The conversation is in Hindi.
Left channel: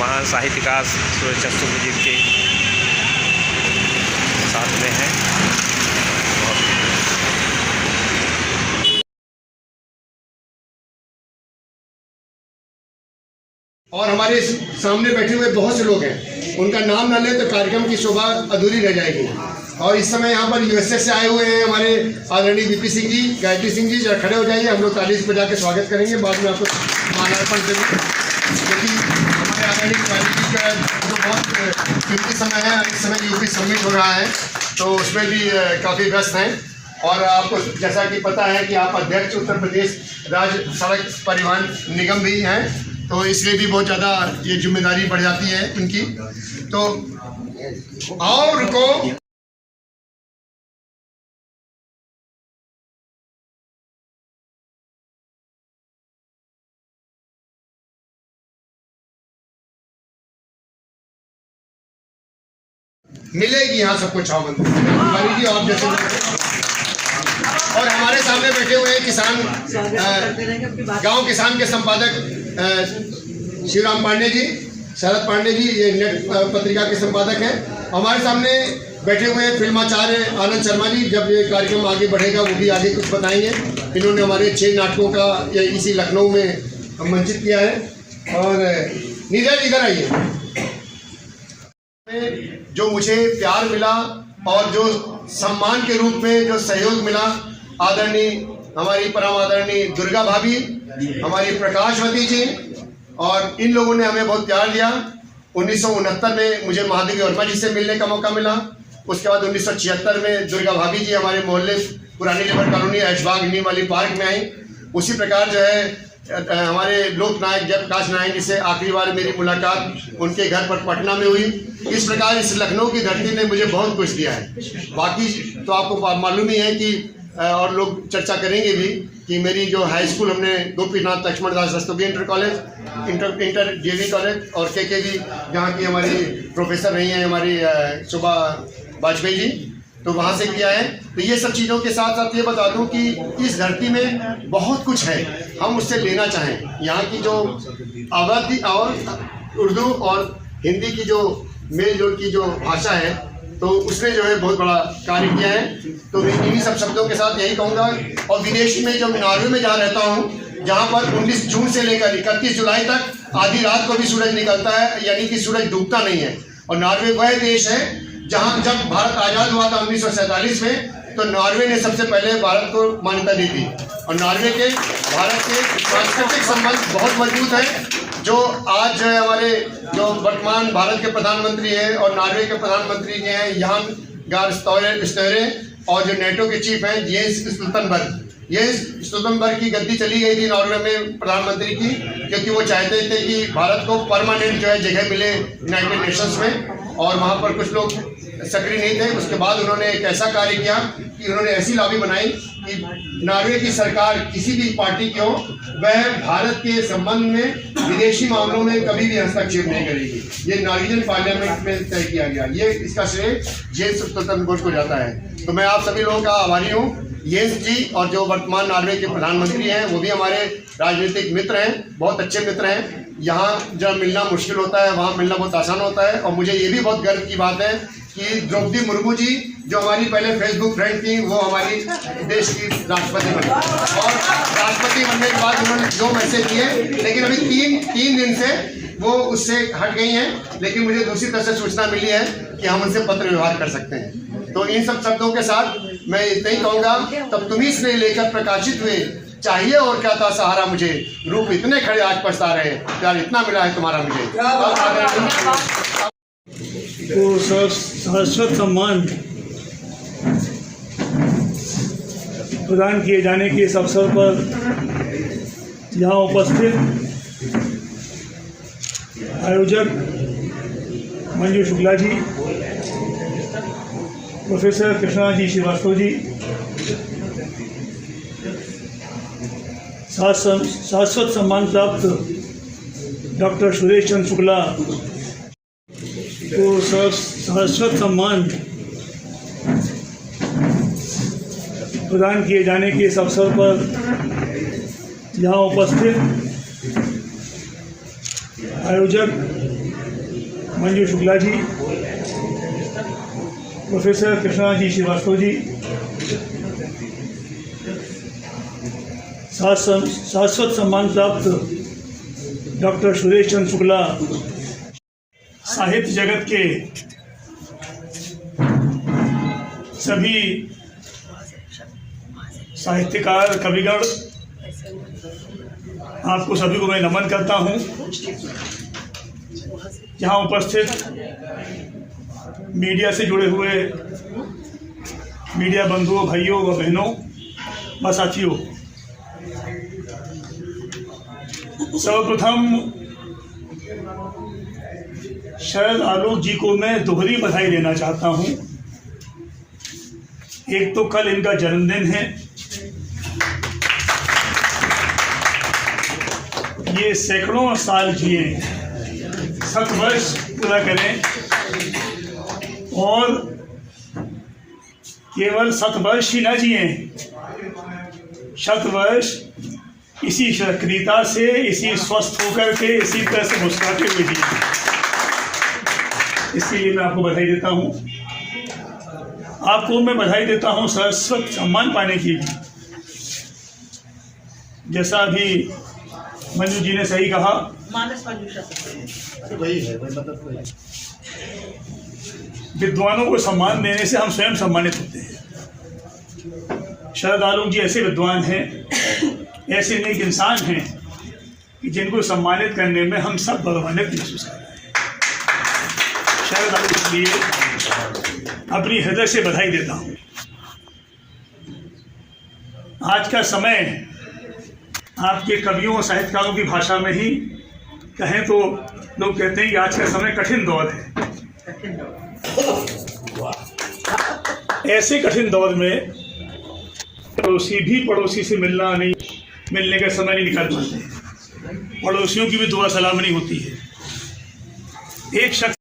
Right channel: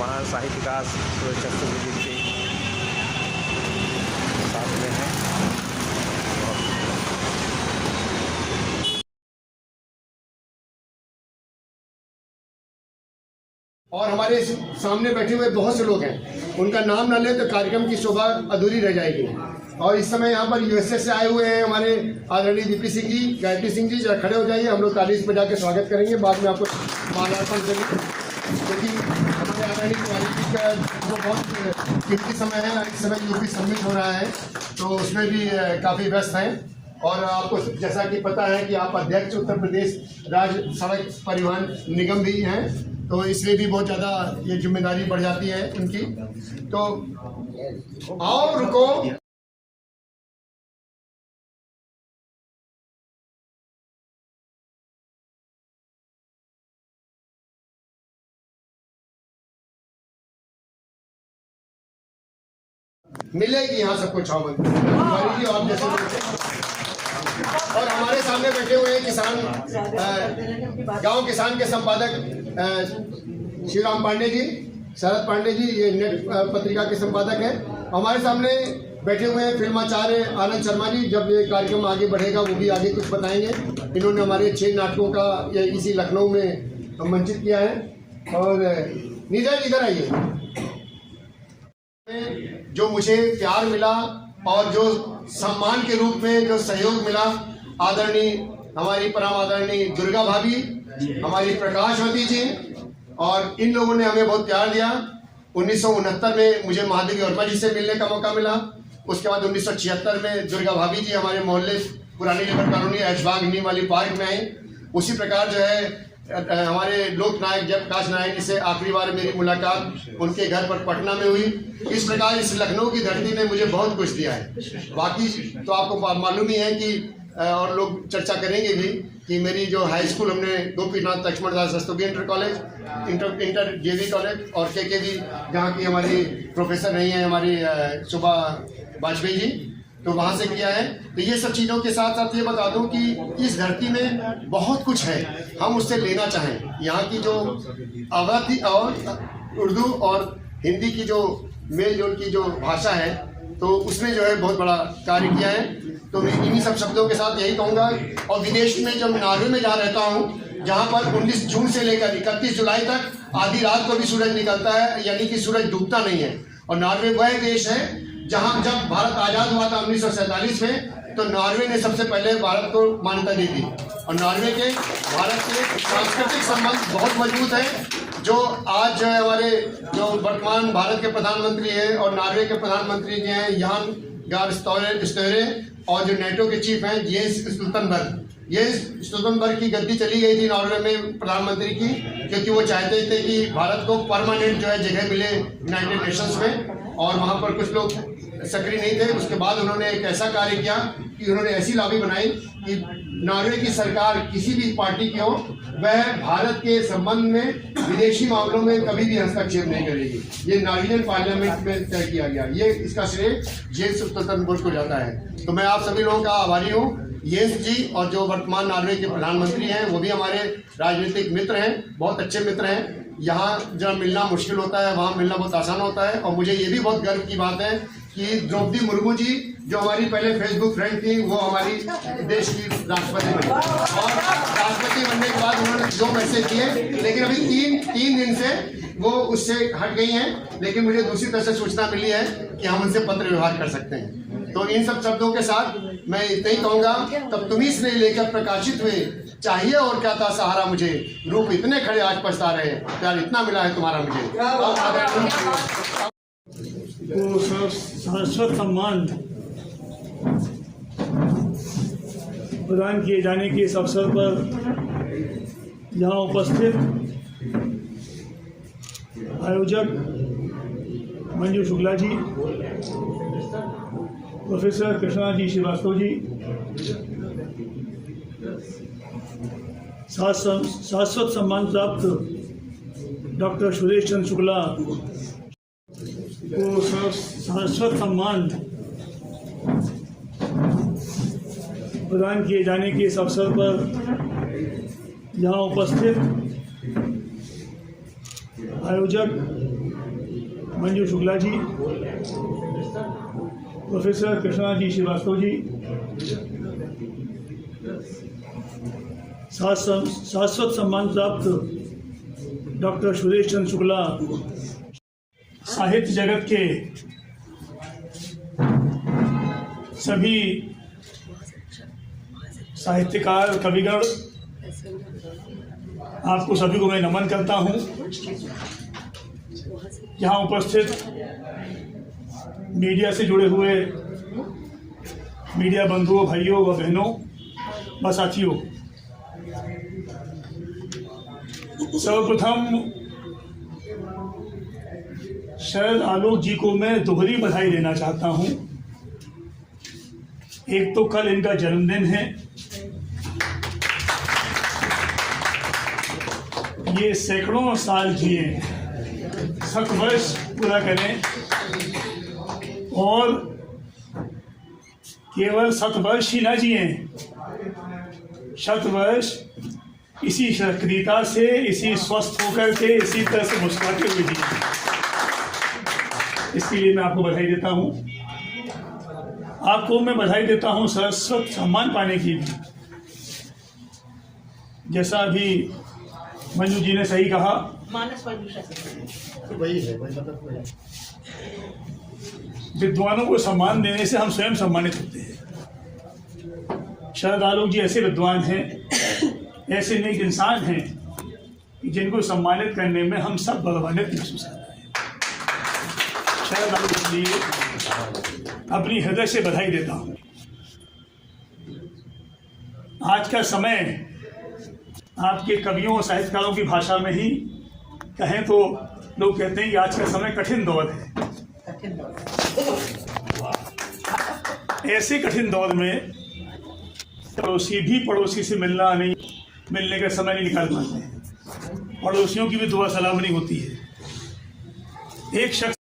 महान साहित्यकार सूर्यचंद्र शुक्ल जी के साथ में हैं। और हमारे सामने बैठे हुए बहुत से लोग हैं, उनका नाम न ले तो कार्यक्रम की शोभा अधूरी रह जाएगी। और इस समय यहाँ पर यूएसए से आए हुए हैं हमारे आदरणीय वीपी सिंह जी, गायत्री सिंह जी, जरा खड़े हो जाइए। हम लोग ताली बजा के स्वागत करेंगे, बाद में आपको माल्यार्पण करेंगे, क्योंकि हमारे आदरणीय गायत्री जी का जो बहुत कीमती समय है, इस समय यूपी समिट हो रहा है, तो उसमें भी काफ़ी व्यस्त हैं। और आपको जैसा कि पता है कि आप अध्यक्ष उत्तर प्रदेश राज्य सड़क परिवहन निगम भी हैं, तो इसलिए भी बहुत ज़्यादा ये जिम्मेदारी बढ़ जाती है इनकी। तो आओ रुको, मिलेगी यहाँ सबको छावबंदी जी, आप जैसे। और हमारे सामने बैठे हुए हैं किसान, गांव किसान के संपादक शिवराम पांडे जी, शरद पांडे जी, ये नेट पत्रिका के संपादक हैं। हमारे सामने बैठे हुए हैं फिल्माचार्य आनंद शर्मा जी। जब ये कार्यक्रम आगे बढ़ेगा वो भी आगे कुछ बताएंगे। इन्होंने हमारे 6 नाटकों का इसी लखनऊ में मंचित किया है। और नीरज इधर आइए। जो मुझे प्यार मिला और जो सम्मान के रूप में जो सहयोग मिला, आदरणीय हमारी परम आदरणीय दुर्गा भाभी, हमारी प्रकाशवती जी, और इन लोगों ने हमें बहुत प्यार दिया। 1969 में मुझे महादेवी वर्मा जी से मिलने का मौका मिला। उसके बाद 1976 में दुर्गा भाभी जी हमारे मोहल्ले पुरानी जबर कॉलोनी ऐशबाग नीम वाली पार्क में आई। उसी प्रकार जो है हमारे लोकनायक जयप्रकाश नारायण जी से आखिरी बार मेरी मुलाकात उनके घर पर पटना में हुई। इस प्रकार इस लखनऊ की धरती ने मुझे बहुत कुछ दिया है। बाकी तो आपको मालूम ही है कि और लोग चर्चा करेंगे भी कि मेरी जो हाई स्कूल हमने Gopinath Laxman Das Rastogi inter college, inter जेवी कॉलेज और केकेवी, जहाँ की हमारी प्रोफेसर रही हैं हमारी शोभा वाजपेयी जी, तो वहाँ से किया है। तो ये सब चीज़ों के साथ साथ ये बता दूँ कि इस धरती में बहुत कुछ है, हम उससे लेना चाहें। यहाँ की जो अवधि और उर्दू और हिंदी की जो मेल जोल की जो भाषा है, तो उसने जो है बहुत बड़ा कार्य किया है। तो मैं इन्हीं सब शब्दों के साथ यही कहूँगा। और विदेश में जब नॉर्वे में जहाँ रहता हूँ, जहाँ पर 19 जून से लेकर 31 जुलाई तक आधी रात को भी सूरज निकलता है, यानी कि सूरज डूबता नहीं है। और नॉर्वे वह देश है जहाँ जब भारत आज़ाद हुआ था 1947 में, तो नॉर्वे ने सबसे पहले भारत को मान्यता दी थी। और नॉर्वे के भारत के सांस्कृतिक संबंध बहुत मजबूत हैं। जो आज जो है हमारे जो वर्तमान भारत के प्रधानमंत्री हैं और नॉर्वे के प्रधानमंत्री जो हैं यान गार स्टोरे, और जो नेटो के चीफ हैं जेन्स स्टोल्टनबर्ग, ये स्टोल्टनबर्ग की गद्दी चली गई थी नॉर्वे में प्रधानमंत्री की, क्योंकि वो चाहते थे कि भारत को परमानेंट जो है जगह मिले यूनाइटेड नेशंस में, और वहाँ पर कुछ लोग सक्रिय नहीं थे। उसके बाद उन्होंने एक ऐसा कार्य किया कि उन्होंने ऐसी लॉबी बनाई कि नॉर्वे की सरकार किसी भी पार्टी की हो, वह भारत के संबंध में विदेशी मामलों में कभी भी हस्तक्षेप नहीं करेगी। ये नॉर्वेजियन पार्लियामेंट में तय किया गया। ये इसका श्रेय जेन्स स्टोल्टनबर्ग को जाता है। तो मैं आप सभी लोगों का आभारी हूँ। येंस जी और जो वर्तमान नॉर्वे के प्रधानमंत्री हैं वो भी हमारे राजनीतिक मित्र हैं, बहुत अच्छे मित्र हैं। यहाँ जब मिलना मुश्किल होता है, वहाँ मिलना बहुत आसान होता है। और मुझे ये भी बहुत गर्व की बात है कि द्रौपदी मुर्मू जी, जो हमारी पहले फेसबुक फ्रेंड थी, वो हमारी देश की राष्ट्रपति बनी। और राष्ट्रपति बनने के बाद उन्होंने 2 मैसेज किए, लेकिन अभी तीन दिन से वो उससे हट गई हैं। लेकिन मुझे दूसरी तरफ से सूचना मिली है कि हम उनसे पत्र व्यवहार कर सकते हैं। तो इन सब शब्दों के साथ मैं इतना ही कहूँगा, तब तुम्ही से लेकर प्रकाशित हुए, चाहिए और क्या था सहारा मुझे, रूप इतने खड़े आज पछता रहे, प्यार इतना मिला है तुम्हारा मुझे। को शाश्वत सम्मान प्रदान किए जाने के इस अवसर पर यहाँ उपस्थित आयोजक मंजू शुक्ला जी, प्रोफेसर कृष्णा जी श्रीवास्तव जी, शाश्वत सम्मान प्राप्त डॉक्टर सुरेश चंद्र शुक्ला को शाश्वत सम्मान प्रदान किए जाने के इस अवसर पर यहाँ उपस्थित आयोजक मंजू शुक्ला जी, प्रोफेसर कृष्णा जी श्रीवास्तव जी, शाश्वत सम्मान प्राप्त डॉक्टर सुरेश चंद्र शुक्ला, साहित्य जगत के सभी साहित्यकार, कविगण, आपको सभी को मैं नमन करता हूँ। यहाँ उपस्थित मीडिया से जुड़े हुए मीडिया बंधुओं, भाइयों व बहनों व साथियों, सर्वप्रथम शरद आलोक जी को मैं दोहरी बधाई देना चाहता हूँ। एक तो कल इनका जन्मदिन है, ये सैकड़ों साल जिए, 7 वर्ष पूरा करें, और केवल 7 वर्ष ही न जिए, 7 वर्ष इसी सक्रियता से, इसी स्वस्थ होकर के, इसी तरह से मुस्कुराते हुए जिए। इसके लिए मैं आपको बधाई देता हूँ। आपको मैं बधाई देता हूँ शाश्वत सम्मान पाने के लिए। जैसा अभी मंजू जी ने सही कहा, विद्वानों को सम्मान देने से हम स्वयं सम्मानित होते हैं। शरद आलोक जी ऐसे विद्वान हैं, ऐसे नेक इंसान हैं कि जिनको सम्मानित करने में हम सब गौरवान्वित महसूस कर रहे हैं। शरद आलोक के लिए अपनी हृदय से बधाई देता हूँ। आज का समय आपके कवियों और साहित्यकारों की भाषा में ही कहें तो लोग कहते हैं कि आज का समय कठिन दौर है। ऐसे कठिन दौर में पड़ोसी भी पड़ोसी से मिलने का समय नहीं निकाल पाते। पड़ोसियों की भी दुआ सलाम नहीं होती है। एक शख्स